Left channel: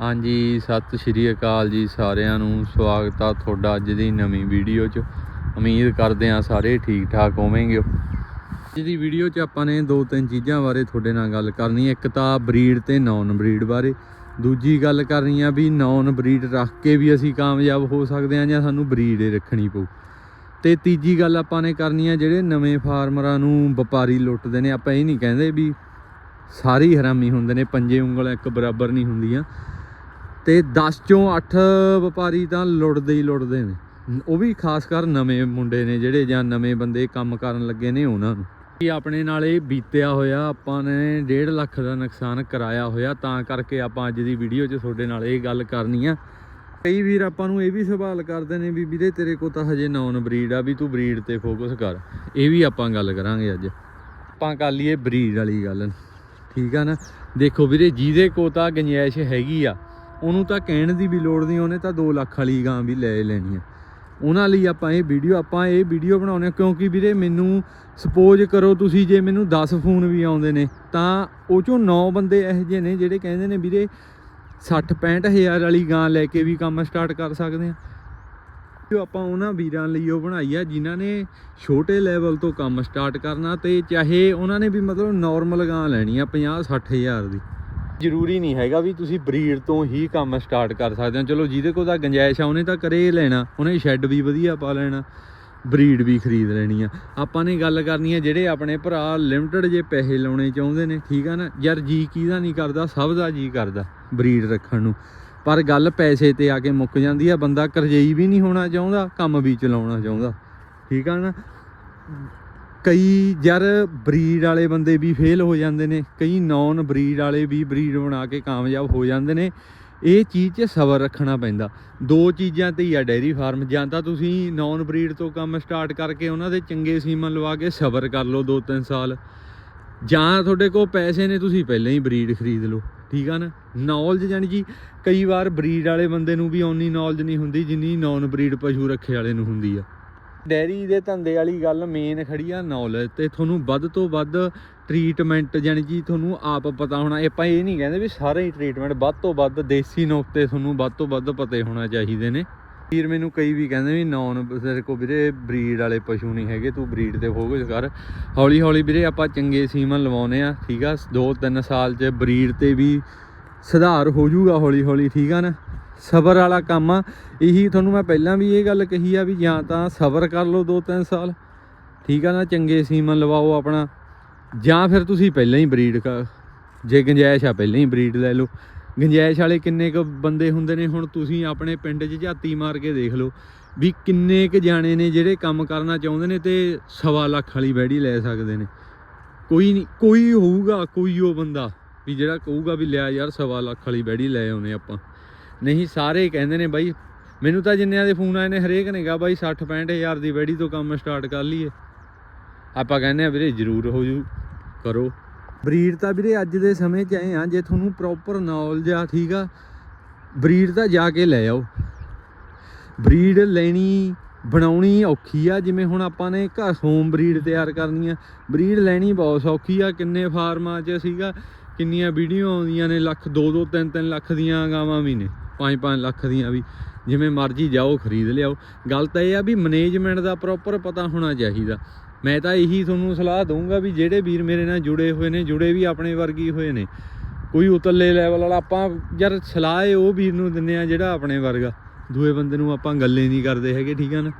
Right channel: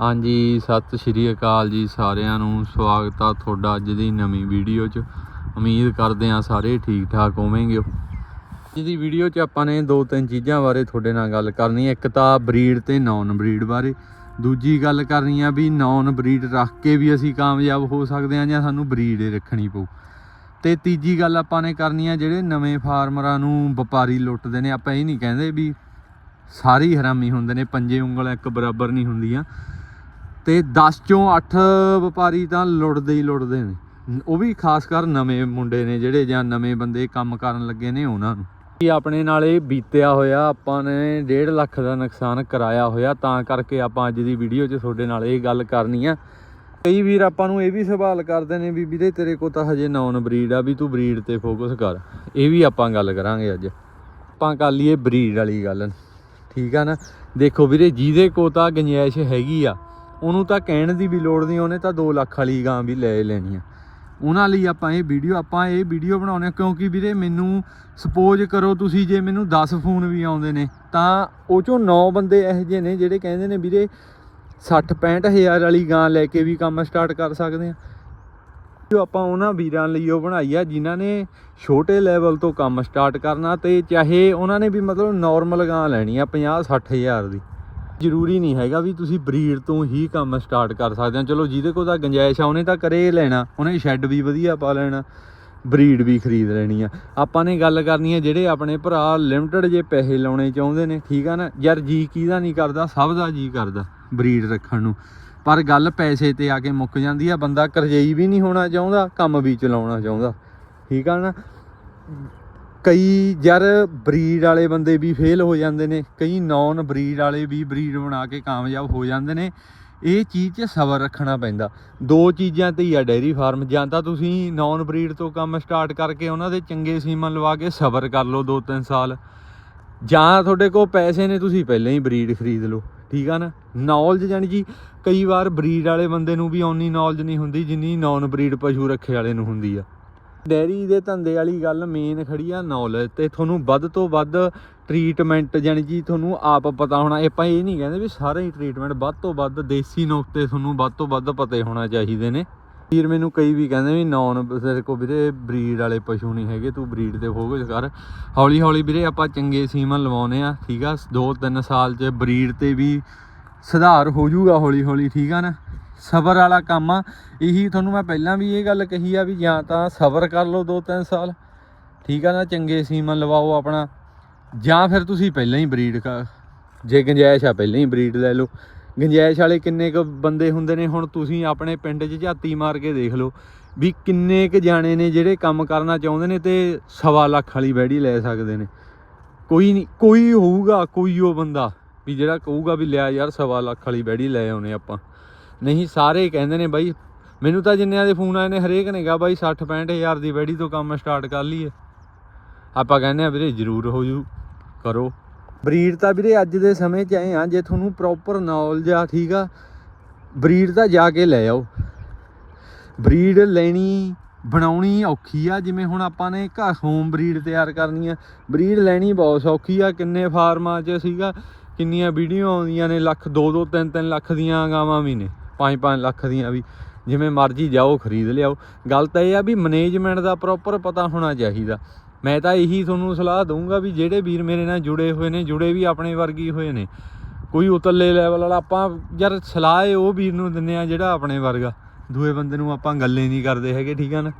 ਹਾਂਜੀ, ਸਤਿ ਸ਼੍ਰੀ ਅਕਾਲ ਜੀ ਸਾਰਿਆਂ ਨੂੰ। ਸਵਾਗਤ ਆ ਤੁਹਾਡਾ ਅੱਜ ਦੀ ਨਵੀਂ ਵੀਡੀਓ 'ਚ। ਉਮੀਦ ਕਰਦੇ ਆ ਸਾਰੇ ਠੀਕ ਠਾਕ ਹੋਵੋਗੇ। ਅੱਜ ਦੀ ਵੀਡੀਓ 'ਚ ਆਪਾਂ ਨੇ ਦੋ ਤਿੰਨ ਚੀਜ਼ਾਂ ਬਾਰੇ ਤੁਹਾਡੇ ਨਾਲ ਗੱਲ ਕਰਨੀ ਹੈ ਇੱਕ ਤਾਂ ਬਰੀਡ ਤੇ ਨਾਨ ਬਰੀਡ ਬਾਰੇ। ਦੂਜੀ ਗੱਲ ਕਰਨੀ ਆ ਵੀ ਨਾਨ ਬਰੀਡ ਰੱਖ ਕੇ ਵੀ ਅਸੀਂ ਕਾਮਯਾਬ ਹੋ ਸਕਦੇ ਆ ਜਾਂ ਸਾਨੂੰ ਬਰੀਡ ਹੀ ਰੱਖਣੀ ਪਊ। ਤੇ ਤੀਜੀ ਗੱਲ ਆਪਾਂ ਨੇ ਕਰਨੀ ਆ, ਜਿਹੜੇ ਨਵੇਂ ਫਾਰਮਰਾਂ ਨੂੰ ਵਪਾਰੀ ਲੁੱਟਦੇ ਨੇ, ਆਪਾਂ ਇਹ ਨਹੀਂ ਕਹਿੰਦੇ ਵੀ ਸਾਰੇ ਹੀ ਹਰਾਮੀ ਹੁੰਦੇ ਨੇ, ਪੰਜੇ ਉਂਗਲ ਇੱਕ ਬਰਾਬਰ ਨਹੀਂ ਹੁੰਦੀਆਂ। ਤੇ 10 ਚੋਂ 8 ਵਪਾਰੀ ਤਾਂ ਲੁੱਟਦੇ ਹੀ ਲੁੱਟਦੇ ਨੇ। ਉਹ ਵੀ ਖਾਸ ਕਰ ਨਵੇਂ ਮੁੰਡੇ ਨੇ ਜਿਹੜੇ ਜਾਂ ਨਵੇਂ ਬੰਦੇ ਕੰਮ ਕਰਨ ਲੱਗੇ ਨੇ ਉਹਨਾਂ ਨੂੰ। ਕੀ ਆਪਣੇ ਨਾਲ ਇਹ ਬੀਤਿਆ ਹੋਇਆ ਆਪਾਂ ਨੇ 1.5 ਲੱਖ ਦਾ ਨੁਕਸਾਨ ਕਰਾਇਆ ਹੋਇਆ, ਤਾਂ ਕਰਕੇ ਆਪਾਂ ਅੱਜ ਦੀ ਵੀਡੀਓ 'ਚ ਤੁਹਾਡੇ ਨਾਲ ਇਹ ਗੱਲ ਕਰਨੀ ਆ। ਕਈ ਵੀਰ ਆਪਾਂ ਨੂੰ ਇਹ ਵੀ ਸਵਾਲ ਕਰਦੇ ਨੇ ਵੀ ਵੀਰੇ ਤੇਰੇ ਕੋਲ ਤਾਂ ਹਜੇ ਨੌਨ ਬਰੀਡ ਆ, ਵੀ ਤੂੰ ਬਰੀਡ ਤੇ ਫੋਕਸ ਕਰ। ਇਹ ਵੀ ਆਪਾਂ ਗੱਲ ਕਰਾਂਗੇ ਅੱਜ। ਆਪਾਂ ਕਰ ਲਈਏ ਬਰੀਡ ਵਾਲੀ ਗੱਲ। ਠੀਕ ਆ ਨਾ? ਦੇਖੋ ਵੀਰੇ ਜਿਹਦੇ ਕੋਲ ਤਾਂ ਗੁੰਜਾਇਸ਼ ਹੈਗੀ ਆ ਉਹਨੂੰ ਤਾਂ ਕਹਿਣ ਦੀ ਵੀ ਲੋੜ ਨਹੀਂ, ਉਹਨੇ ਤਾਂ 2 ਲੱਖ ਵਾਲੀ ਗਾਂ ਵੀ ਲੈ ਲੈਣੀ ਆ। ਉਹਨਾਂ ਲਈ ਆਪਾਂ ਇਹ ਵੀਡੀਓ, ਆਪਾਂ ਇਹ ਵੀਡੀਓ ਬਣਾਉਨੇ ਆ ਕਿਉਂਕਿ ਵੀਰੇ ਮੈਨੂੰ ਸਪੋਜ਼ ਕਰੋ ਤੁਸੀਂ ਜੇ ਮੈਨੂੰ 10 ਫੋਨ ਵੀ ਆਉਂਦੇ ਨੇ, ਤਾਂ ਉਹ ਚੋਂ 9 ਬੰਦੇ ਇਹੋ ਜਿਹੇ ਨੇ ਜਿਹੜੇ ਕਹਿੰਦੇ ਨੇ ਵੀਰੇ 60 65 ਹਜ਼ਾਰ ਵਾਲੀ ਗਾਂ ਲੈ ਕੇ ਵੀ ਕੰਮ ਸਟਾਰਟ ਕਰ ਸਕਦੇ ਆ। ਜੋ ਆਪਾਂ ਉਹਨਾਂ ਵੀਰਾਂ ਲਈ ਉਹ ਬਣਾਈ ਆ, ਜਿਨ੍ਹਾਂ ਨੇ ਛੋਟੇ ਲੈਵਲ ਤੋਂ ਕੰਮ ਸਟਾਰਟ ਕਰਨਾ ਤੇ ਚਾਹੇ ਉਹਨਾਂ ਨੇ ਵੀ ਮਤਲਬ ਨਾਰਮਲ ਗਾਂ ਲੈਣੀ ਆ 50 60 ਹਜ਼ਾਰ ਦੀ। ਜ਼ਰੂਰੀ ਨਹੀਂ ਹੈਗਾ ਵੀ ਤੁਸੀਂ ਬਰੀਡ ਤੋਂ ਹੀ ਕੰਮ ਸਟਾਰਟ ਕਰ ਸਕਦੇ ਹੋ। ਚਲੋ ਜਿਹਦੇ ਕੋਲ ਤਾਂ ਗੰਜਾਇਸ਼ ਆ, ਉਹਨੇ ਤਾਂ ਕਰੇ ਲੈਣਾ। ਉਹਨੇ ਸ਼ੈੱਡ ਵੀ ਵਧੀਆ ਪਾ ਲੈਣਾ, ਬਰੀਡ ਵੀ ਖਰੀਦ ਲੈਣੀ ਆ। ਆਪਾਂ ਨੇ ਗੱਲ ਕਰਨੀ ਆ ਜਿਹੜੇ ਆਪਣੇ ਭਰਾ ਲਿਮਟਿਡ ਜੇ ਪੈਸੇ ਲਾਉਣੇ ਚਾਹੁੰਦੇ ਨੇ, ਠੀਕ ਆ ਨਾ? ਯਾਰ ਜੀ ਕਿਹਦਾ ਨਹੀਂ ਕਰਦਾ, ਸਭ ਦਾ ਜੀ ਕਰਦਾ ਬਰੀਡ ਰੱਖਣ ਨੂੰ। ਪਰ ਗੱਲ ਪੈਸੇ ਤੇ ਆ ਕੇ ਮੁੱਕ ਜਾਂਦੀ ਆ, ਬੰਦਾ ਕਰਜਈ ਵੀ ਨਹੀਂ ਹੋਣਾ ਚਾਹੁੰਦਾ, ਕੰਮ ਵੀ ਚਲਾਉਣਾ ਚਾਹੁੰਦਾ, ਠੀਕ ਆ ਨਾ? ਕਈ ਯਾਰ ਬਰੀਡ ਵਾਲੇ ਬੰਦੇ ਵੀ ਫੇਲ ਹੋ ਜਾਂਦੇ ਨੇ, ਕਈ ਨੌਨ ਬਰੀਡ ਵਾਲੇ ਵੀ ਬਰੀਡ ਬਣਾ ਕੇ ਕਾਮਯਾਬ ਹੋ ਜਾਂਦੇ ਨੇ। ਇਹ ਚੀਜ਼ 'ਚ ਸਬਰ ਰੱਖਣਾ ਪੈਂਦਾ। ਦੋ ਚੀਜ਼ਾਂ ਤੇ ਹੀ ਆ ਡੈਰੀ ਫਾਰਮ ਜਾਂ ਤਾਂ ਤੁਸੀਂ ਨੌਨ ਬਰੀਡ ਤੋਂ ਕੰਮ ਸਟਾਰਟ ਕਰਕੇ ਉਹਨਾਂ ਦੇ ਚੰਗੇ ਸੀਮਨ ਲਵਾ ਕੇ ਸਬਰ ਕਰ ਲਓ 2-3 ਸਾਲ। ਜਾਂ ਤੁਹਾਡੇ ਕੋਲ ਪੈਸੇ ਨੇ, ਤੁਸੀਂ ਪਹਿਲਾਂ ਹੀ ਬਰੀਡ ਖਰੀਦ ਲਓ, ਠੀਕ ਆ ਨਾ? ਨੌਲੇਜ ਜਾਨੀ ਜੀ ਕਈ ਵਾਰ ਬਰੀਡ ਵਾਲੇ ਬੰਦੇ ਨੂੰ ਵੀ ਓਨੀ ਨੌਲੇਜ ਨਹੀਂ ਹੁੰਦੀ ਜਿੰਨੀ ਨੌਨ ਬਰੀਡ ਪਸ਼ੂ ਰੱਖੇ ਵਾਲੇ ਨੂੰ ਹੁੰਦੀ ਆ। ਡੈਰੀ ਦੇ ਧੰਦੇ ਵਾਲੀ ਗੱਲ ਮੇਨ ਖੜੀ ਆ ਨੌਲੇਜ ਤੇ ਤੁਹਾਨੂੰ ਵੱਧ ਤੋਂ ਵੱਧ ਟ੍ਰੀਟਮੈਂਟ ਜਾਨੀ ਕਿ ਤੁਹਾਨੂੰ ਆਪ ਪਤਾ ਹੋਣਾ, ਆਪਾਂ ਇਹ ਨਹੀਂ ਕਹਿੰਦੇ ਵੀ ਸਾਰੇ ਹੀ ਟ੍ਰੀਟਮੈਂਟ ਵੱਧ ਤੋਂ ਵੱਧ ਦੇਸੀ ਨੁਕਤੇ ਤੁਹਾਨੂੰ ਵੱਧ ਤੋਂ ਵੱਧ ਪਤੇ ਹੋਣਾ ਚਾਹੀਦੇ ਨੇ। ਵੀਰ ਮੈਨੂੰ ਕਈ ਵੀ ਕਹਿੰਦੇ ਵੀ ਨੌਨ ਤੇਰੇ ਕੋ ਵੀਰੇ ਬਰੀਡ ਵਾਲੇ ਪਸ਼ੂ ਨਹੀਂ ਹੈਗੇ, ਤੂੰ ਬਰੀਡ ਤੇ ਫੋਕਸ ਕਰ। ਹੌਲੀ ਹੌਲੀ ਵੀਰੇ ਆਪਾਂ ਚੰਗੇ ਸੀਮਨ ਲਵਾਉਨੇ ਆ ਠੀਕ ਆ? 2-3 ਸਾਲ ਚ ਬਰੀਡ ਤੇ ਵੀ ਸੁਧਾਰ ਹੋ ਜਾਊਗਾ ਹੌਲੀ ਹੌਲੀ, ਠੀਕ ਆ ਨਾ? ਸਬਰ ਵਾਲਾ ਕੰਮ ਆ। ਇਹੀ ਤੁਹਾਨੂੰ ਮੈਂ ਪਹਿਲਾਂ ਵੀ ਇਹ ਗੱਲ ਕਹੀ ਆ ਵੀ ਜਾਂ ਤਾਂ ਸਬਰ ਕਰ ਲਓ 2-3 ਸਾਲ, ਠੀਕ ਆ ਨਾ, ਚੰਗੇ ਸੀਮਨ ਲਵਾਓ ਆਪਣਾ, ਜਾਂ ਫਿਰ ਤੁਸੀਂ ਪਹਿਲਾਂ ਹੀ ਬਰੀਡ ਜੇ ਗੁੰਜਾਇਸ਼ ਆ ਪਹਿਲਾਂ ਹੀ ਬਰੀਡ ਲੈ ਲਓ। ਗੰਜਾਇਸ਼ ਵਾਲੇ ਕਿੰਨੇ ਕੁ ਬੰਦੇ ਹੁੰਦੇ ਨੇ, ਹੁਣ ਤੁਸੀਂ ਆਪਣੇ ਪਿੰਡ 'ਚ ਝਾਤੀ ਮਾਰ ਕੇ ਦੇਖ ਲਓ, ਵੀ ਕਿੰਨੇ ਕੁ ਜਾਣੇ ਨੇ ਜਿਹੜੇ ਕੰਮ ਕਰਨਾ ਚਾਹੁੰਦੇ ਨੇ ਤੇ ਸਵਾ ਲੱਖ ਵਾਲੀ ਬੈੜੀ ਲੈ ਸਕਦੇ ਨੇ। ਕੋਈ ਨਹੀਂ ਕੋਈ ਹੋਊਗਾ, ਕੋਈ ਉਹ ਬੰਦਾ, ਵੀ ਜਿਹੜਾ ਕਹੂਗਾ ਵੀ ਲਿਆ ਯਾਰ ਸਵਾ ਲੱਖ ਵਾਲੀ ਬੈੜੀ ਲੈ ਆਉਨੇ ਆਪਾਂ। ਨਹੀਂ, ਸਾਰੇ ਕਹਿੰਦੇ ਨੇ ਬਾਈ ਮੈਨੂੰ ਤਾਂ ਜਿੰਨਿਆਂ ਦੇ ਫੋਨ ਆਏ ਨੇ, ਹਰੇਕ ਨੇ ਕਿਹਾ ਬਾਈ 60 65 ਹਜ਼ਾਰ ਦੀ ਬੈੜੀ ਤੋਂ ਕੰਮ ਸਟਾਰਟ ਕਰ ਲਈਏ। ਆਪਾਂ ਕਹਿੰਦੇ ਆ ਵੀਰੇ ਜ਼ਰੂਰ ਹੋ ਜੂ, ਕਰੋ। ਬਰੀਡ ਤਾਂ ਵੀਰੇ ਅੱਜ ਦੇ ਸਮੇਂ 'ਚ ਆਏ ਆ ਜੇ ਤੁਹਾਨੂੰ ਪ੍ਰੋਪਰ ਨੌਲੇਜ ਆ, ਠੀਕ ਆ, ਬਰੀਡ ਤਾਂ ਜਾ ਕੇ ਲੈ ਆਓ। ਬਰੀਡ ਲੈਣੀ, ਬਣਾਉਣੀ ਔਖੀ ਆ, ਜਿਵੇਂ ਹੁਣ ਆਪਾਂ ਨੇ ਘਰ ਹੋਮ ਬਰੀਡ ਤਿਆਰ ਕਰਨੀ ਆ। ਬਰੀਡ ਲੈਣੀ ਬਹੁਤ ਸੌਖੀ ਆ, ਕਿੰਨੇ ਫਾਰਮਾਂ 'ਚ ਸੀਗਾ, ਕਿੰਨੀਆਂ ਵੀਡੀਓ ਆਉਂਦੀਆਂ ਨੇ, ਲੱਖ 2 2 3 3 ਲੱਖ ਦੀਆਂ ਗਾਵਾਂ ਵੀ ਨੇ 5 5 ਲੱਖ ਦੀਆਂ ਵੀ। ਜਿਵੇਂ ਮਰਜ਼ੀ ਜਾਓ, ਖਰੀਦ ਲਿਆਓ। ਗੱਲ ਤਾਂ ਇਹ ਆ ਵੀ ਮੈਨੇਜਮੈਂਟ ਦਾ ਪ੍ਰੋਪਰ ਪਤਾ ਹੋਣਾ ਚਾਹੀਦਾ। ਮੈਂ ਤਾਂ ਇਹੀ ਤੁਹਾਨੂੰ ਸਲਾਹ ਦਊਂਗਾ ਵੀ ਜਿਹੜੇ ਵੀਰ ਮੇਰੇ ਨਾਲ ਜੁੜੇ ਹੋਏ ਨੇ, ਜੁੜੇ ਵੀ ਆਪਣੇ ਵਰਗੀ ਹੋਏ ਨੇ, ਕੋਈ ਉਤਲੇ ਲੈਵਲ ਵਾਲਾ, ਆਪਾਂ ਯਾਰ ਸਲਾਹ ਏ ਉਹ ਵੀਰ ਨੂੰ ਦਿੰਨੇ ਆ ਜਿਹੜਾ ਆਪਣੇ ਵਰਗਾ। ਦੂਏ ਬੰਦੇ ਨੂੰ ਆਪਾਂ ਗੱਲੇ ਨਹੀਂ ਕਰਦੇ ਹੈਗੇ, ਠੀਕ ਆ ਨਾ?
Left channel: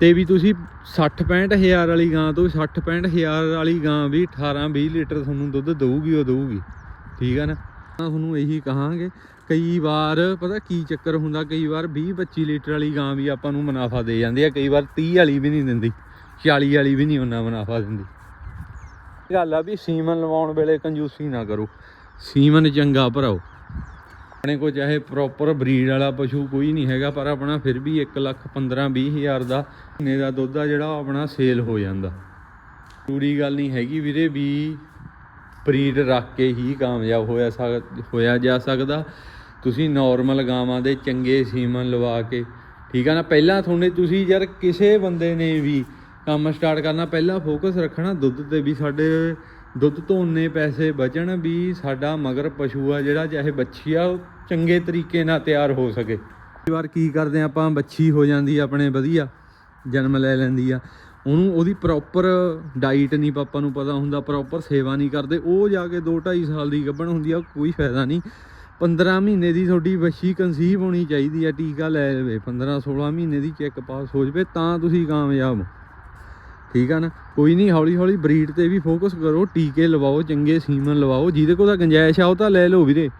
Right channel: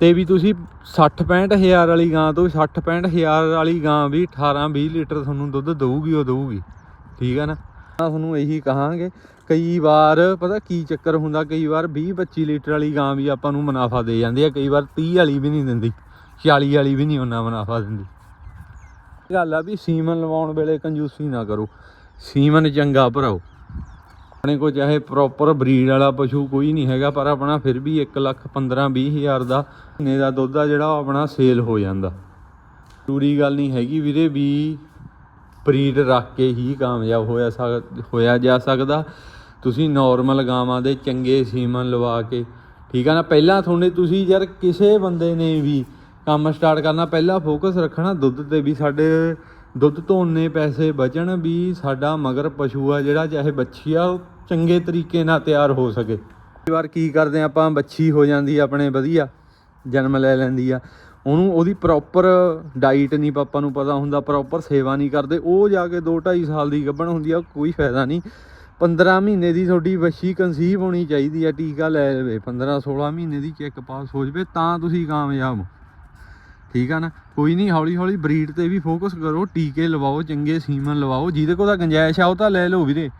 ਤੇ ਵੀ ਤੁਸੀਂ 60 65 ਹਜ਼ਾਰ ਵਾਲੀ ਗਾਂ ਤੋਂ 60 65 ਹਜ਼ਾਰ ਵਾਲੀ ਗਾਂ ਵੀ 18 20 ਲੀਟਰ ਤੁਹਾਨੂੰ ਦੁੱਧ ਦਊਗੀ, ਉਹ ਦਊਗੀ। ਠੀਕ ਆ ਨਾ? ਤਾਂ ਤੁਹਾਨੂੰ ਇਹੀ ਕਹਾਂਗੇ ਕਈ ਵਾਰ ਪਤਾ ਕੀ ਚੱਕਰ ਹੁੰਦਾ, ਕਈ ਵਾਰ 20 25 ਲੀਟਰ ਵਾਲੀ ਗਾਂ ਵੀ ਆਪਾਂ ਨੂੰ ਮੁਨਾਫਾ ਦੇ ਜਾਂਦੀ ਆ, ਕਈ ਵਾਰ 30 ਵਾਲੀ ਵੀ ਨਹੀਂ ਦਿੰਦੀ 40 ਵਾਲੀ ਵੀ ਨਹੀਂ ਉਹਨਾਂ ਮੁਨਾਫਾ ਦਿੰਦੀ। ਗੱਲ ਆ ਵੀ ਸੀਮਨ ਲਵਾਉਣ ਵੇਲੇ ਕੰਜੂਸੀ ਨਾ ਕਰੋ, ਸੀਮਨ ਚੰਗਾ ਭਰਾਓ। ਆਪਣੇ ਕੋਲ ਚਾਹੇ ਪ੍ਰੋਪਰ ਬਰੀਡ ਵਾਲਾ ਪਸ਼ੂ ਕੋਈ ਨਹੀਂ ਹੈਗਾ, ਪਰ ਆਪਣਾ ਫਿਰ ਵੀ 1 ਲੱਖ 15 20 ਹਜ਼ਾਰ ਦਾ ਮਹੀਨੇ ਦਾ ਦੁੱਧ ਆ ਜਿਹੜਾ ਉਹ ਆਪਣਾ ਸੇਲ ਹੋ ਜਾਂਦਾ। ਜ਼ਰੂਰੀ ਗੱਲ ਨਹੀਂ ਹੈਗੀ ਵੀਰੇ ਵੀ ਬਰੀਡ ਰੱਖ ਕੇ ਹੀ ਕਾਮਯਾਬ ਹੋਇਆ ਹੋਇਆ ਜਾ ਸਕਦਾ। ਤੁਸੀਂ ਨਾਰਮਲ ਗਾਵਾਂ ਦੇ ਚੰਗੇ ਸੀਮਨ ਲਵਾ ਕੇ, ਠੀਕ ਆ ਨਾ? ਪਹਿਲਾਂ ਤੁਹਾਨੂੰ ਤੁਸੀਂ ਯਾਰ ਕਿਸੇ ਬੰਦੇ ਨੇ ਵੀ ਕੰਮ ਸਟਾਰਟ ਕਰਨਾ, ਪਹਿਲਾਂ ਫੋਕਸ ਰੱਖਣਾ ਦੁੱਧ ਤੇ ਵੀ ਸਾਡੇ ਦੁੱਧ ਤੋਂ ਉਨੇ ਪੈਸੇ ਬਚਣ ਵੀ ਸਾਡਾ ਮਗਰ ਪਸ਼ੂ ਆ ਜਿਹੜਾ ਚਾਹੇ ਬੱਚੀ ਆ, ਉਹ ਚੰਗੇ ਤਰੀਕੇ ਨਾਲ ਤਿਆਰ ਹੋ ਸਕੇ। ਕਈ ਵਾਰ ਕੀ ਕਰਦੇ ਆ ਆਪਾਂ ਬੱਚੀ ਹੋ ਜਾਂਦੀ ਆਪਣੇ ਵਧੀਆ, ਜਨਮ ਲੈ ਲੈਂਦੀ ਆ। ਉਹਨੂੰ ਉਹਦੀ ਪ੍ਰੋਪਰ ਡਾਈਟ ਨਹੀਂ ਪਾਪਾ ਨੂੰ ਪਤਾ ਹੁੰਦਾ ਪ੍ਰੋਪਰ ਸੇਵਾ ਨਹੀਂ ਕਰਦੇ, ਉਹ ਜਾ ਕੇ 2 2.5 ਸਾਲ ਦੀ ਗੱਭਣ ਹੁੰਦੀ ਆ, ਕੋਈ ਫਾਇਦਾ ਨਹੀਂ। 15 ਮਹੀਨੇ ਦੀ ਤੁਹਾਡੀ ਬੱਚੀ ਕਨਸੀਵ ਹੋਣੀ ਚਾਹੀਦੀ ਆ, ਟੀਕਾ ਲੈ ਲਵੇ। 15 16 ਮਹੀਨੇ ਦੀ ਚੈੱਕ ਪਾਸ ਹੋ ਜਵੇ ਤਾਂ ਤੁਸੀਂ ਕਾਮਯਾਬ ਹੋ। ਠੀਕ ਆ ਨਾ? ਕੋਈ ਨਹੀਂ ਹੌਲੀ ਹੌਲੀ ਬਰੀਡ ਤੇ ਵੀ ਫੋਕਸ ਕਰੋ, ਟੀਕੇ ਲਵਾਓ, ਚੰਗੇ ਸੀਮਨ ਲਵਾਓ। ਜਿਹਦੇ ਕੋਲ ਤਾਂ ਗੰਜਾਇਸ਼ ਆ, ਉਹ ਤਾਂ ਲੈ ਲਓ ਵੀਰੇ।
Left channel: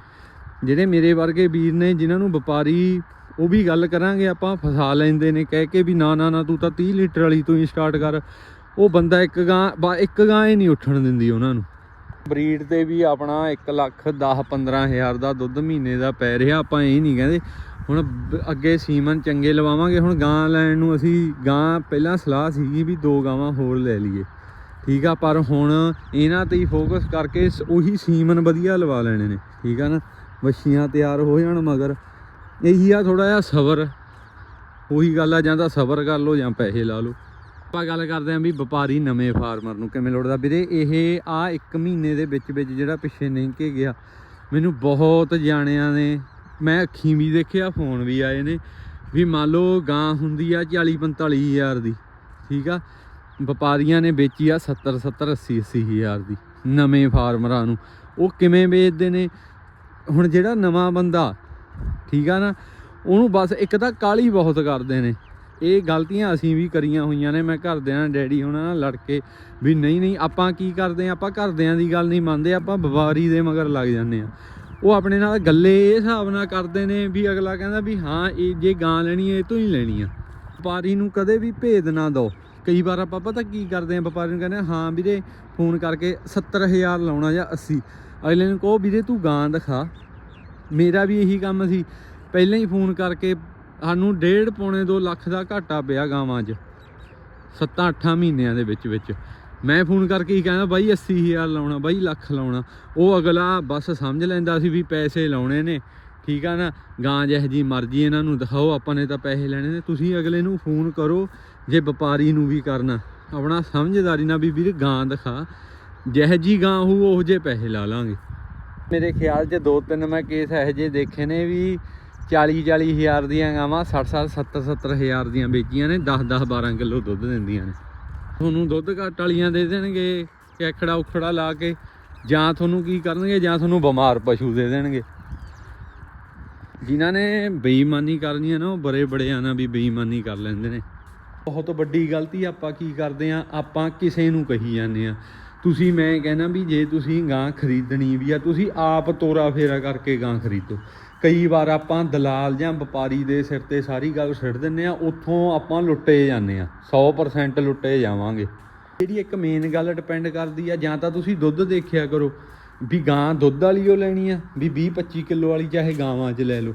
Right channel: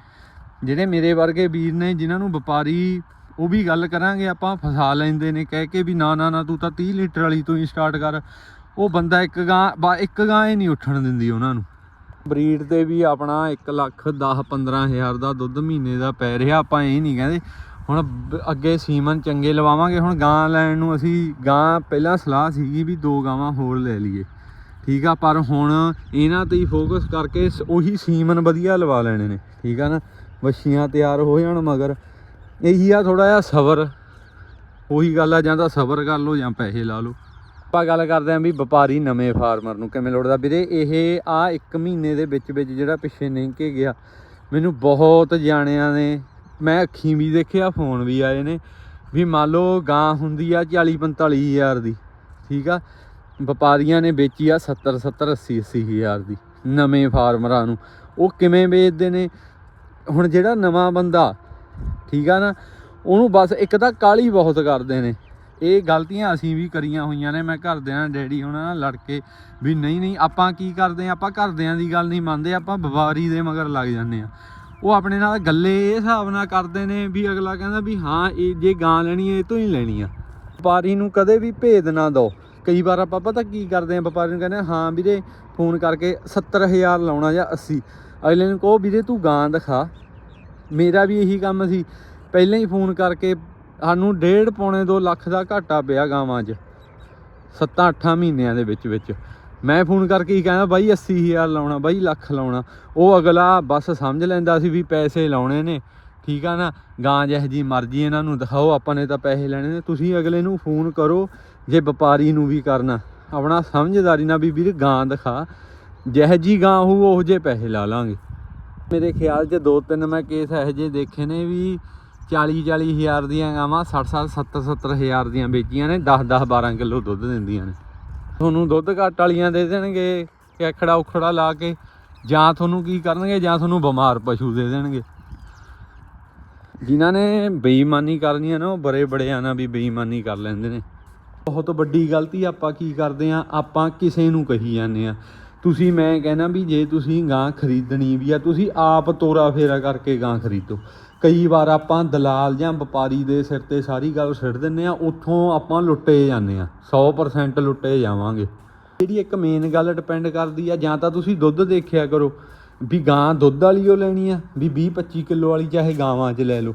ਜਿਹੜੇ ਮੇਰੇ ਵਰਗੇ ਵੀਰ ਨੇ, ਜਿਨ੍ਹਾਂ ਨੂੰ ਵਪਾਰੀ, ਉਹ ਵੀ ਗੱਲ ਕਰਾਂਗੇ ਆਪਾਂ, ਫਸਾ ਲੈਂਦੇ ਨੇ। ਕਹਿ ਕੇ ਵੀ, ਨਾ ਨਾ ਨਾ, ਤੂੰ ਤਾਂ 30 ਲੀਟਰ ਵਾਲੀ ਤੋਂ ਹੀ ਸਟਾਰਟ ਕਰ। ਉਹ ਬੰਦਾ ਇੱਕ ਗਾਂ ਇੱਕ ਗਾਂ ਹੀ ਨਹੀਂ ਉੱਠਣ ਦਿੰਦੀ ਉਹਨਾਂ ਨੂੰ। ਬਰੀਡ ਤੇ ਵੀ ਆਪਣਾ 1 ਲੱਖ 10 15 ਹਜ਼ਾਰ ਦਾ ਦੁੱਧ ਮਹੀਨੇ ਦਾ ਪੈ ਰਿਹਾ, ਆਪਾਂ ਇਹ ਨਹੀਂ ਕਹਿੰਦੇ। ਹੁਣ ਅੱਗੇ ਸੀਮਨ ਚੰਗੇ ਲਵਾਵਾਂਗੇ, ਹੁਣ ਗਾਂ ਲੈਣ ਨੂੰ ਅਸੀਂ ਗਾਂ ਪਹਿਲਾਂ ਸਲਾਹ ਸੀਗੀ ਵੀ ਦੋ ਗਾਵਾਂ ਹੋਰ ਲੈ ਲਈਏ। ਠੀਕ ਆ, ਪਰ ਹੁਣ ਇਹਨਾਂ ਤੇ ਹੀ ਫੋਕਸ ਕਰਕੇ ਉਹੀ ਸੀਮਨ ਵਧੀਆ ਲਵਾ ਲੈਣੇ ਨੇ, ਠੀਕ ਆ ਨਾ? ਮੱਛੀਆਂ ਤਿਆਰ ਹੋ ਜਾਣ ਮਗਰ। ਇਹੀ ਆ ਥੋੜਾ ਜਿਹਾ ਸਬਰ। ਉਹੀ ਗੱਲ ਆ, ਜਾਂ ਤਾਂ ਸਬਰ ਕਰ ਲਓ ਜਾਂ ਪੈਸੇ ਲਾ ਲਓ। ਆਪਾਂ ਗੱਲ ਕਰਦੇ ਆਂ ਵੀ ਵਪਾਰੀ ਨਵੇਂ ਫਾਰਮਰ ਨੂੰ ਕਿਵੇਂ ਲੋੜਦਾ। ਵੀਰੇ, ਇਹ ਆ ਇੱਕ ਮਹੀਨੇ ਦੇ ਵਿੱਚ ਵਿੱਚ ਜਿਹੜਾ ਪਿੱਛੇ ਨਹੀਂ ਕੇ ਗਿਆ। ਮੈਨੂੰ ਬਹੁਤ ਜਾਣਿਆਂ ਨੇ, ਮੈਂ ਅੱਖੀਂ ਵੀ ਦੇਖਿਆ, ਫੋਨ ਵੀ ਆਏ ਨੇ, ਵੀ ਮੰਨ ਲਓ ਗਾਂ ਹੁੰਦੀ ਆ 40 45 ਹਜ਼ਾਰ ਦੀ, ਠੀਕ ਆ? ਵਪਾਰੀਆਂ ਨੇ ਵੇਚੀ ਆ 70 70 80 80 ਹਜ਼ਾਰ ਦੀ ਨਵੇਂ ਫਾਰਮਰਾਂ ਨੂੰ। ਉਹ ਕਿਵੇਂ ਵੇਚਦੇ ਨੇ? ਹੁਣ ਜਿਹੜਾ ਨਵਾਂ ਬੰਦਾ, ਠੀਕ ਆ ਨਾ, ਉਹਨੂੰ ਬਸ ਇੱਕ ਤਾਂ ਕਾਲੀ ਬਹੁਤ ਕਰਦੇ ਨੇ। ਇਹ ਗਲਤੀਆਂ ਅਸੀਂ ਵੀ ਕਰੀਆਂ ਹੋਈਆਂ ਨੇ। ਮੈਂ ਘਰਦਿਆਂ ਨਾਲ, ਡੈਡੀ ਉਹਨਾਂ ਨਾਲ ਲੜ ਕੇ ਵੀ ਨਹੀਂ ਨਹੀਂ, ਆਪਾਂ ਕੀ ਕਰਦੇ ਆ? ਆਪਾਂ ਘਰਦਿਆਂ ਦੀ ਗੱਲ ਨਹੀਂ ਮੰਨਦੇ, ਆਪਾਂ ਵਪਾਰੀ ਦੇ ਮਗਰ ਲੱਗ ਜਾਂਦੇ ਆ। ਉਹ ਆਪਣੇ ਨਾਲ ਗੱਲੇ ਇਹ ਹਿਸਾਬ ਨਾਲ ਕਰਦੇ ਨੇ ਵੀ ਅਗਲਾ ਕਹਿੰਦਾ ਵੀ ਹਾਂ, ਇਹ ਜੇ ਗਾਂ ਲੈਣੀ ਹੈ, ਇਹ ਤੋਂ ਹੀ ਲੈਣੀ ਆ। ਵਪਾਰੀ ਨੂੰ ਕਦੇ ਵੀ ਭੇਦ ਨਾ ਦਿਓ। ਕਈ ਵਾਰ ਆਪਾਂ ਪਤਾ ਕੀ ਕਰਦੇ ਆ, ਵਪਾਰੀ ਨੂੰ ਕਹਿੰਦੇ ਹਾਂ ਵੀਰੇ, ਫੋਨ ਕਰਕੇ 70000 ਲਾਉਣਾ ਜਾਂ 80 ਅਗਲੇ ਨੂੰ ਕਹੋ, ਵੀਰੇ ਤੂੰ ਗਾਂ ਦਿਖਾ। ਮੇਰਾ ਵੀ ਇਹੀ ਕੰਮ ਸੀ। ਪਹਿਲਾਂ ਹੀ ਫੋਨ ਕਰਕੇ ਸਾਨੂੰ ਡੇਢ ਪੌਣੇ 2 ਲੱਖ ਦਾ ਘਾਟਾ ਪਿਆ ਗਾਵਾਂ 'ਚ। 7-8 ਮਹੀਨਿਆਂ ਦੇ ਵਿੱਚ ਵਿੱਚ। ਮੈਂ ਫੋਨ ਕਰਕੇ ਹੀ ਕਹਿੰਦਾ, ਬਾਈ 80000 ਲਾਉਣਾ, ਬਾਈ ਲੱਖ ਲਾਉਣਾ। ਉਹ ਅਗਲਾ ਬਸ ਸਮਝ ਲੈਂਦਾ ਸੀ ਵੀ ਪੈਸੇ ਲਾਉਣੇ ਨੇ। ਠੀਕ ਆ ਨਾ? ਗਾਂ ਜਿਹੋ ਜੀ ਮਰਜ਼ੀ ਇਹਨਾਂ ਨੂੰ ਦਿਖਾਓ, ਆਪਾਂ ਨੇ ਤਾਂ ਪੈਸੇ ਲੈਣੇ ਨੇ। ਤੁਸੀਂ ਅਗਲੇ ਨੂੰ ਫੋਨ ਕਰੋ ਜੇ ਵਪਾਰੀ ਨੂੰ ਵੀ ਕਰਨਾ। ਆਪਣਾ ਸਮਝਦਾਰੀ ਨਾਲ ਵੀ ਵੀਰ ਗਾਂ ਦਿਖਾ। ਜਿਹੋ ਜੀ ਗਾਂ ਹੋ ਉਹ ਜੇ ਪੈਸੇ ਲਾ ਲਾਂਗੇ। ਮੇਰੇ ਖਿਆਲ 'ਚ ਦੋ ਤਿੰਨ ਮੈਂ ਕੇਸ ਇਹੋ ਜਿਹੇ ਦੇਖੇ ਨੇ ਵੀ 40 40 ਹਜ਼ਾਰ ਦੀਆਂ ਗਾਵਾਂ 60 60 70 70 ਹਜ਼ਾਰ ਦੀਆਂ ਵੇਚੀਆਂ ਨੇ 10 10 12 ਕਿਲੋ ਦੁੱਧ ਦਿੰਦੀਆਂ ਨੇ। ਤੁਹਾਨੂੰ ਦੁੱਧ ਘੱਟ ਵਾਲੀਆਂ ਦੇ ਦੇਣਗੇ, ਕੈਖੜਾ ਉਖੜਾ ਲਾ ਕੇ, ਜਾਂ ਤੁਹਾਨੂੰ ਕੀ ਕਰਨਗੇ, ਜਾਂ ਤੁਹਾਨੂੰ ਬਿਮਾਰ ਪਸ਼ੂ ਦੇ ਦੇਣਗੇ। ਜਿਨ੍ਹਾਂ ਨੇ ਬੇਈਮਾਨੀ ਕਰਨੀ ਹੈ ਨਾ, ਉਹ ਬੜੇ ਬੜਿਆਂ ਨਾਲ ਵੀ ਬੇਈਮਾਨੀ ਕਰ ਲੈਂਦੇ ਨੇ। ਬਹੁਤ ਵੱਡੀ ਗਲਤੀ ਆਪਾਂ ਕੀ ਕਰਦੇ ਆ, ਆਪਾਂ ਕਿਸੇ ਨੂੰ ਕਹੀ ਜਾਂਦੇ ਆ। ਤੁਸੀਂ, ਮੈਂ ਕਹਿਣਾ ਵੀ ਜੇ ਤੁਸੀਂ ਗਾਂ ਖਰੀਦਣੀ ਵੀ ਆ, ਤੁਸੀਂ ਆਪ ਤੋਰਾ ਫੇਰਾ ਕਰਕੇ ਗਾਂ ਖਰੀਦੋ। ਕਈ ਵਾਰ ਆਪਾਂ ਦਲਾਲ ਜਾਂ ਵਪਾਰੀ ਦੇ ਸਿਰ ਤੇ ਸਾਰੀ ਗੱਲ ਛੱਡ ਦਿੰਨੇ ਆ ਉੱਥੋਂ ਆਪਾਂ ਲੁੱਟੇ ਜਾਂਦੇ ਆ 100% ਲੁੱਟੇ ਜਾਵਾਂਗੇ। ਜਿਹੜੀ ਇੱਕ ਮੇਨ ਗੱਲ ਡਿਪੈਂਡ ਕਰਦੀ ਆ, ਜਾਂ ਤਾਂ ਤੁਸੀਂ ਦੁੱਧ ਦੇਖਿਆ ਕਰੋ, ਵੀ ਗਾਂ ਦੁੱਧ ਵਾਲੀ ਉਹ ਲੈਣੀ ਆ, ਵੀ 20 25 ਕਿਲੋ ਵਾਲੀ ਚਾਹੇ ਗਾਵਾਂ 'ਚ ਲੈ ਲਓ।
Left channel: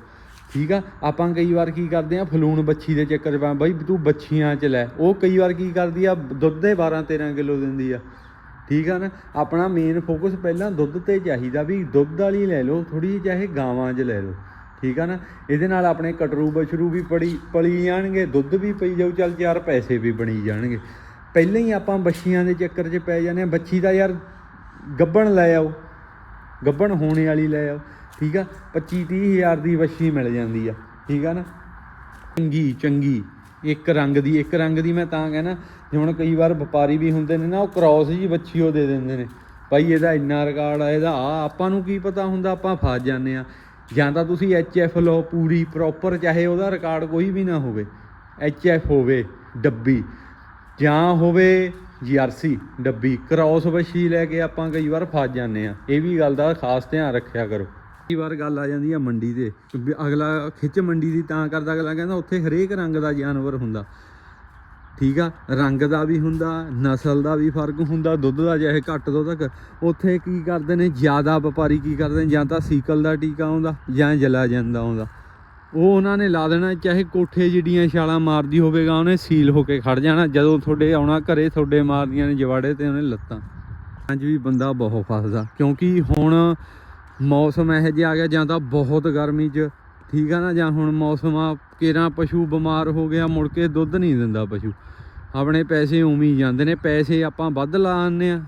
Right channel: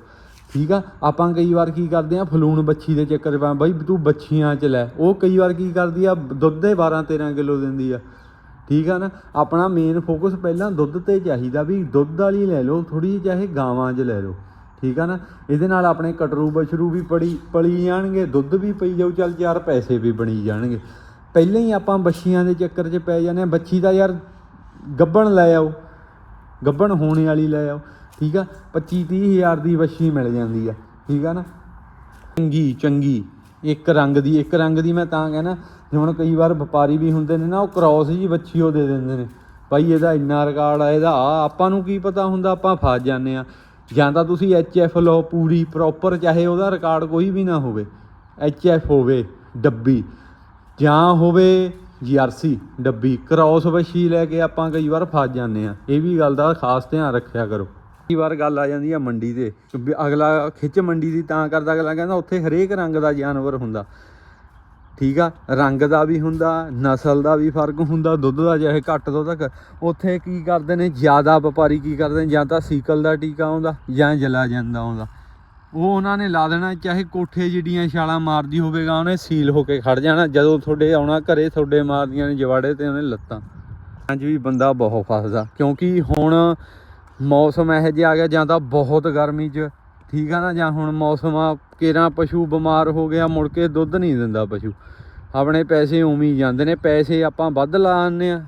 ਠੀਕ ਆ? ਆਪਾਂ ਕਈ ਵਾਰ ਕੀ ਕਰਦੇ ਆ, ਫਲੂਣ ਬੱਚੀ ਦੇ ਚੱਕਰ 'ਚ ਪਾ, ਬਈ ਤੂੰ ਬੱਚੀਆਂ 'ਚ ਲੈ। ਉਹ ਕਈ ਵਾਰ ਕੀ ਕਰਦੀ ਆ, ਦੁੱਧ ਦੇ 12 13 ਕਿਲੋ ਦਿੰਦੀ ਆ। ਠੀਕ ਆ ਨਾ? ਆਪਣਾ ਮੇਨ ਫੋਕਸ ਪਹਿਲਾਂ ਦੁੱਧ ਤੇ ਚਾਹੀਦਾ ਵੀ ਦੁੱਧ ਵਾਲੀ ਲੈ ਲਓ ਥੋੜੀ ਜਿਹੀ ਚਾਹੇ ਗਾਵਾਂ 'ਚ ਲੈ ਲਓ। ਠੀਕ ਆ ਨਾ? ਇਹਦੇ ਨਾਲ ਆਪਣੇ ਕਟਰੂ ਬਛਰੂ ਵੀ ਪੜੀ, ਪਲੀ ਜਾਣਗੇ, ਦੁੱਧ ਵੀ ਪਈ ਜਾਊ, ਚੱਲ ਯਾਰ ਪੈਸੇ ਵੀ ਬਣੀ ਜਾਣਗੇ। ਪਹਿਲਾਂ ਹੀ ਆਪਾਂ ਬੱਛੀਆਂ ਦੇ ਚੱਕਰ 'ਚ ਪੈ ਜਾਂਦੇ ਆ ਬੱਚੀ ਦਾ ਯਾਰ ਗੱਬਣ ਲੈ ਆਓ, ਗੱਬਣ ਹੋਣੇ ਵਾਲੀ ਲੈ ਆਓ। ਠੀਕ ਆ? 25 30 ਹਜ਼ਾਰ ਦੀ ਬੱਛੀ ਮਿਲ ਜਾਂਦੀ ਆ। ਠੀਕ ਆ ਨਾ? ਚੰਗੀ ਚੰਗੀ। ਇੱਕ ਰੰਗ ਦੀ, ਇੱਕ ਰੰਗ ਦੀ ਮੈਂ ਤਾਂ ਕਹਿੰਦਾ ਜਿਵੇਂ ਕਈ ਵਾਰ ਵਪਾਰੀ ਵੀ ਹੁੰਦੇ ਨੇ ਨਾ, ਉਹ ਕ੍ਰਾਸ ਜੀ ਬੱਚੀ ਉਹ ਦੇ ਦਿੰਦੇ ਨੇ। ਭਾਈ ਇਹਦਾ ਇੰਨਾ ਰਿਕਾਰਡ ਆ, ਇਹਦਾ ਆ, ਆਪਾਂ ਨੂੰ ਕੀ ਪਤਾ ਹੁੰਦਾ, ਆਪਾਂ ਫਸ ਜਾਂਦੇ ਆ ਜਾਂ ਤਾਂ ਤੁਸੀਂ ਐਫ ਲਓ, ਪੂਰੀ ਪ੍ਰੋਪਰ ਚਾਹੇ ਉਹਦਾ ਰਿਕਾਰਡ ਕੋਈ ਵੀ ਨਾ ਹੋਵੇ। ਐਫ ਹੋਵੇ, ਡੱਬੀ। ਜਾਂ ਹੋਵੇ ਜੀਆਰਸੀ ਡੱਬੀ। ਕ੍ਰਾਸ ਬੱਛੀ ਲੈ ਕੇ ਆਪਾਂ ਕਈ ਵਾਰ ਫਸ ਜਾਂਦੇ ਆ ਇਹ ਵੀ ਗੱਲ ਦਾ ਖਾਸ ਧਿਆਨ ਰੱਖਿਆ ਕਰੋ। ਕਈ ਵਾਰ ਗੱਲ ਆ ਜਾਂਦੀ ਆ ਮੰਡੀ ਤੇ। ਵੀ ਅਗਲਾ ਖਿੱਚ ਮੰਡੀ ਦੀ ਤਾਂ ਕਰਦਾ, ਅਗਲਾ ਕਹਿੰਦਾ ਉੱਥੇ ਹਰੇਕ ਰੰਗ ਦਾ ਜਾਨਵਰ ਹੁੰਦਾ। ਠੀਕ ਆ, ਰੰਗ ਦਾ ਵੀ ਹੁੰਦਾ, ਨਸਲ ਦਾ ਵੀ ਫ਼ਰਕ ਹੁੰਦਾ, ਦੁੱਧ ਦਾ ਚਾਹੇ ਘੱਟ ਤੋਂ ਤੱਕ, ਉੱਥੇ ਕੀ ਕਰਦੇ ਨੇ, ਜ਼ਿਆਦਾ ਵਪਾਰੀ ਕੀ ਕਰਦੇ ਨੇ, ਜਾਂ ਤਾਂ ਸੀਕਲ ਦਾ ਟੀਕਾ ਆਉਂਦਾ, ਜਾਂ ਜਲਾ ਜਾਂਦਾ ਆਉਂਦਾ। ਉਹ ਉਹਨਾਂ ਨੇ ਲਾ ਦੇਣਾ, ਚਾਹੇ ਕੋਠੇ ਜਿਹੜੀਆਂ ਛਾਲਾਂ ਮਾਰਦੀ ਹੋਵੇਗਾ, ਉਹਨੇ ਸੀਲ ਹੋ ਕੇ ਖੜ ਜਾਣਾ, ਜਦੋਂ ਤੁਹਾਡੇ ਆਉਣਾ ਘਰੇ, ਤੁਹਾਡੇ ਮਾਰਦੀਆਂ ਨੇ ਜਵਾੜੇ ਤੇ ਉਹਨੇ ਲੱਤਾਂ। ਅੱਜ ਵੀ ਬੰਦਾ ਬਹੁਤ ਫਸਦਾ, ਕਿਉਂਕਿ ਹੁਣ ਮੌਸਮ ਇਹੋ ਜਿਹਾ ਆ ਗਿਆ, ਜਾਂ ਤਾਂ ਬਹੁਤ ਗਰਮੀ 'ਚ, ਠੀਕ ਆ ਨਾ, ਜਾਂ ਹੁਣ ਮੌਸਮ ਆ, ਕੇਰਾਂ ਪਸ਼ੂ ਬਿਮਾਰ ਹੋ ਗਿਆ, ਮੁੜ ਕੇ ਦੁੱਧ ਨਹੀਂ ਦਿੰਦਾ ਪਸ਼ੂ। ਆਪਣੇ ਪੈਸੇ ਉਵੇਂ ਹੀ ਜਾਂਦੇ ਨੇ, ਪੈਸੇ ਆਪਾਂ ਵੱਧ ਲਾ ਆਉਂਦੇ ਆ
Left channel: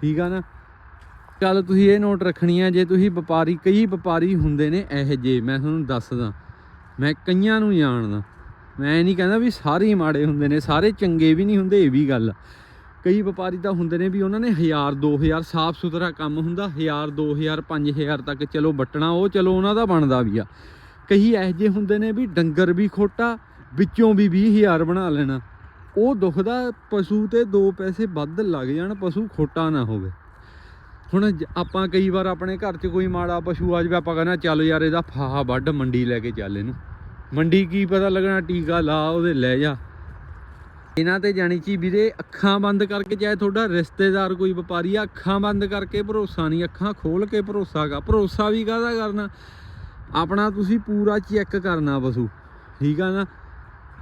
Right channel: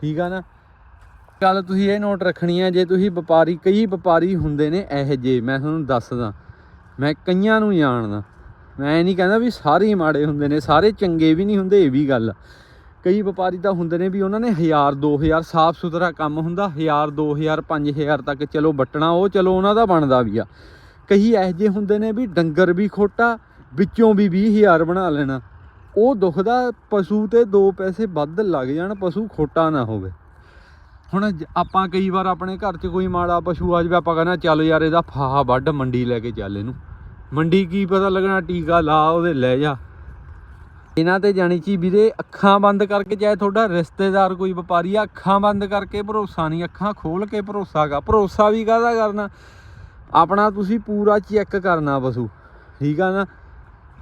ਠੀਕ ਆ ਨਾ? ਗੱਲ ਤੁਸੀਂ ਇਹ ਨੋਟ ਰੱਖਣੀ ਆ, ਜੇ ਤੁਸੀਂ ਵਪਾਰੀ, ਕਈ ਵਪਾਰੀ ਹੁੰਦੇ ਨੇ ਇਹੋ ਜਿਹੇ, ਮੈਂ ਤੁਹਾਨੂੰ ਦੱਸਦਾ। ਮੈਂ ਕਈਆਂ ਨੂੰ ਜਾਣਦਾ। ਮੈਂ ਇਹ ਨਹੀਂ ਕਹਿੰਦਾ ਵੀ ਸਾਰੇ ਮਾੜੇ ਹੁੰਦੇ ਨੇ, ਸਾਰੇ ਚੰਗੇ ਵੀ ਨਹੀਂ ਹੁੰਦੇ, ਇਹ ਵੀ ਗੱਲ ਆ। ਕਈ ਵਪਾਰੀ ਤਾਂ ਹੁੰਦੇ ਨੇ ਵੀ ਉਹਨਾਂ ਨੇ 1000 2000 ਸਾਫ਼ ਸੁਥਰਾ ਕੰਮ ਹੁੰਦਾ 1000 2000 5000 ਤੱਕ ਚਲੋ ਵੱਟਣਾ, ਉਹ ਚਲੋ ਉਹਨਾਂ ਦਾ ਬਣਦਾ ਵੀ ਆ। ਕਈ ਇਹੋ ਜਿਹੇ ਹੁੰਦੇ ਨੇ ਵੀ ਡੰਗਰ ਵੀ ਖੋਟਾ, ਵਿੱਚੋਂ ਵੀ 20000 ਬਣਾ ਲੈਣਾ। ਉਹ ਦੁਖਦਾ ਪਸ਼ੂ ਤੇ ਦੋ ਪੈਸੇ ਵੱਧ ਲੱਗ ਜਾਣ, ਪਸ਼ੂ ਖੋਟਾ ਨਾ ਹੋਵੇ। ਹੁਣ ਆਪਾਂ ਕਈ ਵਾਰ ਆਪਣੇ ਘਰ 'ਚ ਕੋਈ ਮਾੜਾ ਪਸ਼ੂ ਆ ਜਾਵੇ, ਆਪਾਂ ਕਹਿੰਦਾ ਚੱਲ ਯਾਰ ਇਹਦਾ ਫਾਹਾ ਵੱਢ, ਮੰਡੀ ਲੈ ਕੇ ਚੱਲ ਇਹਨੂੰ। ਮੰਡੀ ਕੀ ਪਤਾ ਲੱਗਣਾ, ਟੀਕਾ ਲਾ, ਉਹਦੇ ਲੈ ਜਾ। ਇਹਨਾਂ ਤੇ ਜਾਣੀ ਚੀ ਵੀਰੇ ਅੱਖਾਂ ਬੰਦ ਕਰਕੇ, ਚਾਹੇ ਤੁਹਾਡਾ ਰਿਸ਼ਤੇਦਾਰ ਕੋਈ ਵਪਾਰੀ ਆ, ਅੱਖਾਂ ਬੰਦ ਕਰਕੇ ਭਰੋਸਾ ਨਹੀਂ, ਅੱਖਾਂ ਖੋਲ ਕੇ ਭਰੋਸਾ ਕਰ। ਭਰੋਸਾ ਵੀ ਕਾਹਦਾ ਕਰਨਾ? ਆਪਣਾ ਤੁਸੀਂ ਪੂਰਾ ਚੈੱਕ ਕਰਨਾ ਪਸ਼ੂ, ਠੀਕ ਆ ਨਾ?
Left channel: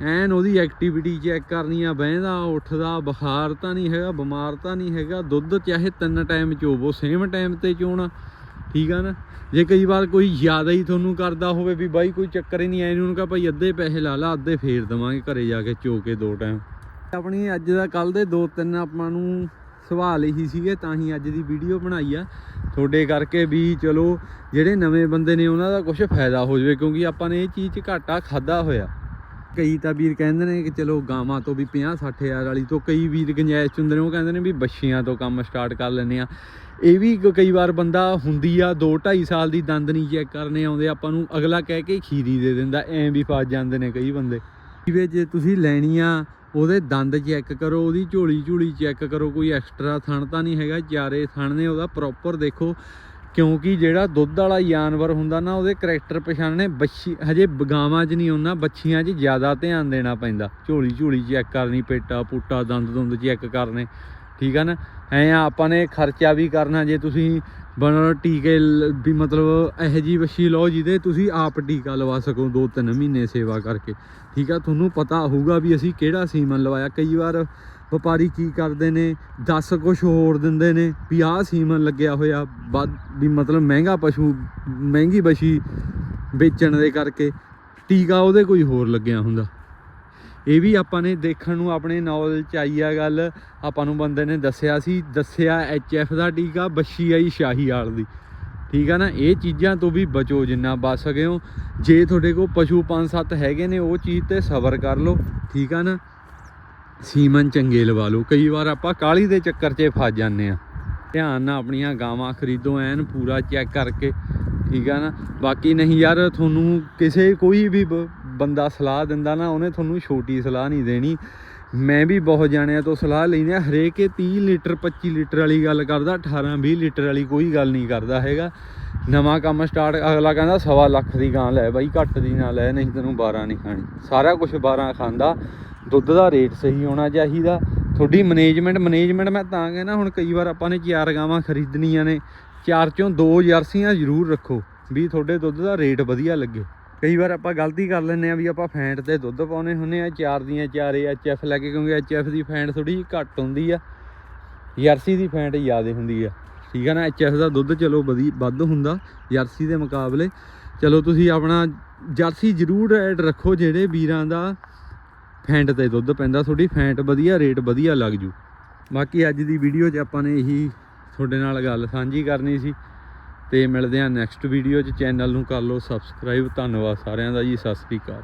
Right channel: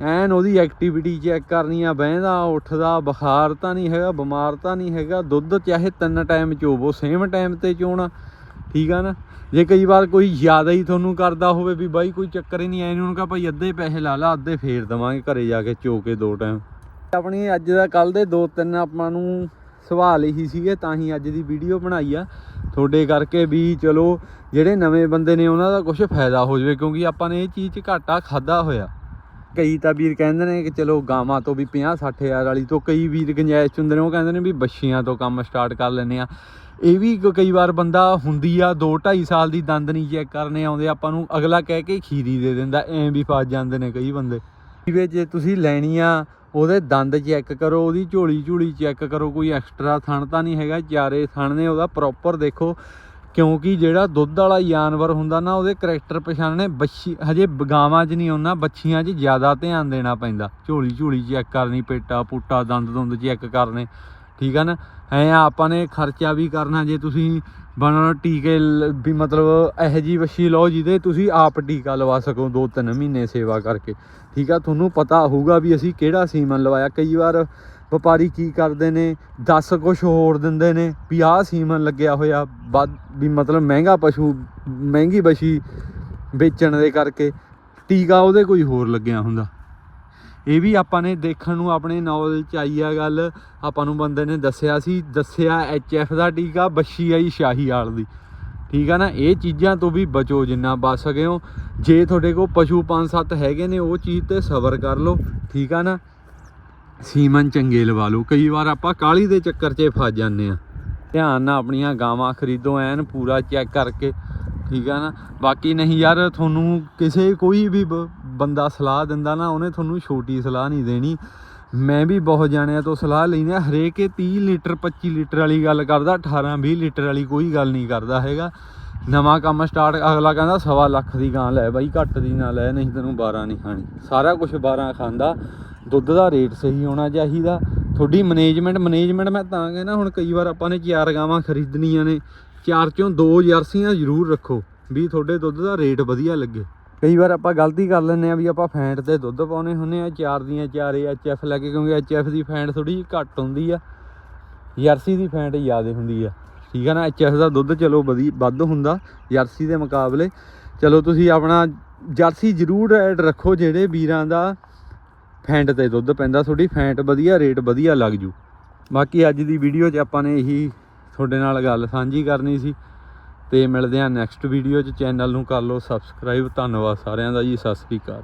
ਐਨ ਉਹਦੀ ਐਕਟੀਵਿਟੀ ਚੈੱਕ ਕਰਨੀ ਆ ਬਹਿੰਦਾ, ਉੱਠਦਾ, ਬੁਖਾਰ ਤਾਂ ਨਹੀਂ ਹੈਗਾ, ਬਿਮਾਰ ਤਾਂ ਨਹੀਂ ਹੈਗਾ, ਦੁੱਧ ਚਾਹੇ ਤਿੰਨ ਟਾਈਮ ਚੋਵੋ ਸੇਮ ਟਾਈਮ ਤੇ ਚੋਣਾ, ਠੀਕ ਆ ਨਾ? ਜੇ ਕਈ ਵਾਰ ਕੋਈ ਜ਼ਿਆਦਾ ਹੀ ਤੁਹਾਨੂੰ ਕਰਦਾ ਹੋਵੇ ਵੀ ਬਾਈ ਕੋਈ ਚੱਕਰ ਹੀ ਨਹੀਂ, ਐ ਉਹਨੂੰ ਕਹਾ ਭਾਈ ਅੱਧੇ ਪੈਸੇ ਲਾ ਲਾ, ਅੱਧੇ ਫੇਰ ਦਵਾਂਗੇ ਘਰੇ ਜਾ ਕੇ ਚੋ ਕੇ ਦੋ ਟਾਈਮ ਆਪਣੀ ਅੱਜ ਦਾ ਕੱਲ ਦੇ ਦੋ ਤਿੰਨ ਆਪਾਂ ਨੂੰ ਸਵਾਲ ਹੀ ਸੀਗੇ, ਤਾਂ ਹੀ ਅੱਜ ਦੀ ਵੀਡੀਓ ਬਣਾਈ ਆ। ਤੁਹਾਡੇ ਕਰਕੇ ਵੀ ਚਲੋ, ਜਿਹੜੇ ਨਵੇਂ ਬੰਦੇ ਨੇ ਉਹਨਾਂ ਦਾ ਕੁਝ ਫਾਇਦਾ ਹੋ ਜਾਵੇ, ਕਿਉਂਕਿ ਆਪਾਂ ਨੇ ਇਹ ਚੀਜ਼ ਘਾਟਾ ਖਾਦਾ ਹੋਇਆ। ਕਈ ਤਾਂ ਵੀਰ ਕਹਿੰਦੇ ਨੇ ਕਿ ਚਲੋ ਗਾਵਾਂ ਤੋਂ ਵੀ 50 60 ਹਜ਼ਾਰ ਵਾਲੀ ਤੋਂ ਕਈ ਵੀਰ ਗੰਜਾਇਸ਼ ਹੁੰਦੇ ਨੇ, ਉਹ ਕਹਿੰਦੇ ਨੇ ਵੀ ਬੱਛੀਆਂ ਤੋਂ ਕੰਮ ਸਟਾਰਟ ਕਰ ਲੈਂਦੇ ਆ ਇਹ ਵੀ ਕਈ ਵਾਰ ਬੰਦਾ ਹੁੰਦੀ ਆ 2 2.5 ਸਾਲ ਦੀ ਦੰਦ ਨਹੀਂ ਚੈੱਕ ਕਰਨੇ ਆਉਂਦੇ, ਆਪਾਂ ਨੂੰ ਅਗਲਾ ਕਹਿ ਕੇ ਖੀਰੀ ਦੇ ਦਿੰਦਾ, ਐਂ ਵੀ ਫਸ ਜਾਂਦੇ ਨੇ ਕਈ ਬੰਦੇ। ਵੀ ਜੇ ਤੁਸੀਂ ਲੈਣੀ ਆ ਉਹਦੇ ਦੰਦ ਚੈੱਕ ਕਰੋ, ਉਹਦੀ ਝੋਲੀ ਝੋਲੀ ਚੈੱਕ ਕਰੋ, ਕੋਈ ਐਕਸਟਰਾ ਥਣ ਤਾਂ ਨਹੀਂ ਹੈਗਾ, ਚਾਰੇ ਥਣ ਨੇ, ਉਹਦਾ ਪ੍ਰੋਪਰ ਦੇਖੋ। ਕਿਉਂਕਿ ਜਿਹੜਾ ਦੁੱਧ ਵਾਲਾ ਜਾਨਵਰ ਹੁੰਦਾ ਨਾ, ਉਹਦੇ ਕਰੈਕਟਰ ਪਛਾਣਨੇ ਬੱਛੀ, ਹਜੇ ਗਾਵਾਂ 'ਚ ਨਹੀਂ ਆਉਣਾ ਬੱਛੀਆਂ 'ਚ ਜ਼ਿਆਦਾ ਧਿਆਨ ਦੇਣਾ ਪੈਂਦਾ। ਝੋਲੀ ਝੋਲੀ ਚੈੱਕ ਕਰਨੀ, ਪੇਟਾ ਪੁੱਟਾ, ਦੰਦ ਦੁੰਦ ਚੈੱਕ ਕਰਨੇ, ਠੀਕ ਆ ਨਾ? ਐ ਆਪਾਂ ਨੇ ਖਰਚਾ ਵੀ ਕਰਨਾ, ਜੇ ਤੁਸੀਂ ਬਣ ਟੀਕੇ ਲ- ਵੀ ਮਤਲਬ ਇਹੋ ਜੀ ਬੱਛੀ ਲਓ ਜਿਹਦੇ ਤੁਸੀਂ ਆਪ ਟੀਕਾ ਲਵਾ ਸਕੋ ਦੋ ਤਿੰਨ ਮਹੀਨੇ ਸੇਵਾ ਕਰਕੇ, ਠੀਕ ਆ? ਤੁਹਾਨੂੰ ਪਤਾ ਹੋਊਗਾ ਵੀ ਅਸੀਂ ਕਿਹੜਾ ਸੀਮਨ ਲਵਾਇਆ। ਕਈ ਵਾਰ ਵਪਾਰੀ ਕੀ ਕਰਦੇ ਨੇ? ਦੱਸ ਕੁਛ ਹੋਰ ਦਿੰਦੇ ਨੇ। ਵੀ ਆਹ ਸੀਮਨ ਲੱਗਿਆ ਹੋਇਆ, ਵੱਧ ਵੀ ਮਤਲਬ ਮਹਿੰਗਾ ਪਸ਼ੂ, ਮਹਿੰਗੀ ਵਛੀ ਵੇਚਣ ਦੇ ਕਰਕੇ। ਟੀਕਾ ਉਹਦੇ ਕੋਈ ਹੋਰ ਲੱਗਿਆ ਹੁੰਦਾ। ਇਹ ਵੀ ਆਪਾਂ ਨੇ ਦੇਖਣ ਨੂੰ ਆਪਣੇ ਨੌਲੇਜ ਚ ਆਈ ਆ ਗੱਲ। ਆਪਾਂ ਨੂੰ ਬੰਦੇ ਨੇ ਦੱਸਿਆ ਸੀ, ਦੱਸਿਆ ਐਫ ਦਾ ਟੀਕਾ ਬੱਛੀ ਆਈ ਸ਼ਾਹੀ ਆਲ ਦੀ। ਠੀਕ ਆ ਨਾ? ਇਹ ਚੀਜ਼ਾਂ ਤੋਂ ਵੀ ਬਚੋ ਜਿੰਨਾ ਬਚ ਸਕੇ ਹੋ। ਜੇ ਤੁਹਾਡੇ ਕੋਲ ਪਸ਼ੂ ਪੰਜ ਸੱਤ ਹੈਗੇ ਨੇ, ਉਹ ਚੀਜ਼ ਤੇ ਸਬਰ ਕਰ ਲਓ। ਠੀਕ ਆ ਨਾ? ਸੀਮਨ ਚੰਗੇ ਲਵਾ ਲਓ। ਕਈ ਵਾਰ ਆਪਾਂ ਕਾਲੀ ਦੇ ਚੱਕਰ 'ਚ ਫਸ ਜਾਂਦੇ ਆ ਧਿਆਨ ਨਾਲ ਆਪਣੀਆਂ ਗਾਵਾਂ ਖਰੀਦੋ, ਐਨ ਪੂਰਾ ਚੈੱਕ ਕਰਕੇ, ਠੀਕ ਆ ਨਾ? ਬਾਕੀ ਨਹੀਂ ਯਾਰ, ਤੁਹਾਨੂੰ ਕਿਸੇ ਕੋਈ ਵੀ ਬ- ਬੰਦਾ ਸਲਾਹ ਦਿੰਦਾ ਨਾ, ਉਹਨੇ ਤੁਹਾਨੂੰ ਛੋਟੀ ਸਲਾਹ ਨਹੀਂ ਦੇਣੀ। ਮੈਂ ਵੀ ਬਹੁਤ ਜਾਣਿਆਂ ਤੋਂ ਸਲਾਹ ਲੈਣੀ ਆ ਹਰੇਕ ਇਹ 30 ਲੀਟਰ 25 ਲੀਟਰ ਵਾਲੀ ਗੱਲ ਕਰਦਾ 18 20 ਲੀਟਰ ਵਾਲੀ ਕੋਈ ਗੱਲ ਨਹੀਂ ਕਰਦਾ ਹੈਗਾ। ਨਵਾਂ ਕੰਮ ਸਟਾਰਟ, ਅਗਲਾ ਕਹਿੰਦਾ ਸਵਾ ਲੱਖ ਦੀ ਗਾਂ ਲੈ ਬਾਈ, ਘੱਟ ਦੀ ਨਾ ਲੈ, ਨਹੀਂ ਤੈਨੂੰ 12 ਨਹੀਂ ਖਾਣੀ। ਸਾਰਾ ਕੁਝ 12 ਖਾਂਦਾ। ਦੁੱਧ ਦਾ ਰੇਟ ਸਹੀ ਹੋਣਾ ਚਾਹੀਦਾ। ਤੁਹਾਡੀ ਮੈਨੇਜਮੈਂਟ ਮੈਨੇਜਮੈਂਟ ਮੈਂ ਤਾਂ ਕਹਿੰਦਾ ਹੁਣ ਕਈ ਵਾਰ ਆਪਾਂ ਨੇ ਚਾਰ ਗਾਵਾਂ ਖਰੀਦਣੀਆਂ ਨੇ, ਚਾਰ ਚੋਂ ਦੋ ਜਰਸੀਆਂ ਜ਼ਰੂਰ ਰੱਖੋ ਵੀ ਤੁਹਾਡੇ ਦੁੱਧ ਦਾ ਰੇਟ ਵਧੀਆ ਲੱਗੇ। ਕਈ ਵਾਰ ਆਪਾਂ ਗਲਤੀ ਕਰ ਲੈਂਦੇ ਆ ਵੀ ਆਪਾਂ ਫੈਂਟ ਤੇ ਦੁੱਧ ਪਾਉਨੇ ਹੁੰਨੇ ਆ ਚਾਰ ਦੀਆਂ ਚਾਰੇ ਐਚਐਫ ਲੈ ਕੇ, ਕਿਉਂਕਿ ਐਚਐਫ ਦੀ ਫੈਂਟ ਥੋੜੀ ਜਿਹੀ ਘੱਟ ਹੁੰਦੀ ਆ। ਜਰਸੀ ਦੀ ਫੈਂਟ ਜ਼ਿਆਦਾ ਹੁੰਦੀ ਆ। ਠੀਕ ਆ ਨਾ ਐਚਐਫ ਦਾ ਦੁੱਧ ਚਲੋ ਵਧੀ, ਵੱਧ ਹੁੰਦਾ ਜਰਸੀ ਦੇ ਮੁਕਾਬਲੇ। ਚਲੋ ਤੁਸੀਂ ਆਪਣਾ ਜਰਸੀ ਜ਼ਰੂਰ ਐਡ ਰੱਖੋ ਜਿਹੜੇ ਵੀਰਾਂ ਦਾ ਫੈਂਟ ਤੇ ਦੁੱਧ ਪੈਂਦਾ, ਤੁਹਾਡੀ ਫੈਂਟ ਵਧੀਆ, ਰੇਟ ਵਧੀਆ ਲੱਗ ਜੂ। ਬਾਕੀ ਅੱਜ ਦੀ ਵੀਡੀਓ 'ਚ ਆਪਾਂ ਨੇ ਇਹੀ ਤੁਹਾਡੇ ਨਾਲ ਗੱਲ ਸਾਂਝੀ ਕਰਨੀ ਸੀ। ਤੇ ਮਿਲਦੇ ਹਾਂ ਨੈਕਸਟ ਵੀਡੀਓ 'ਚ। ਚੈਨਲ ਨੂੰ ਕਰ ਲਓ ਸਬਸਕ੍ਰਾਈਬ ਧੰਨਵਾਦ ਸਾਰਿਆਂ ਦਾ ਜੀ। ਸਤਿ ਸ੍ਰੀ ਅਕਾਲ।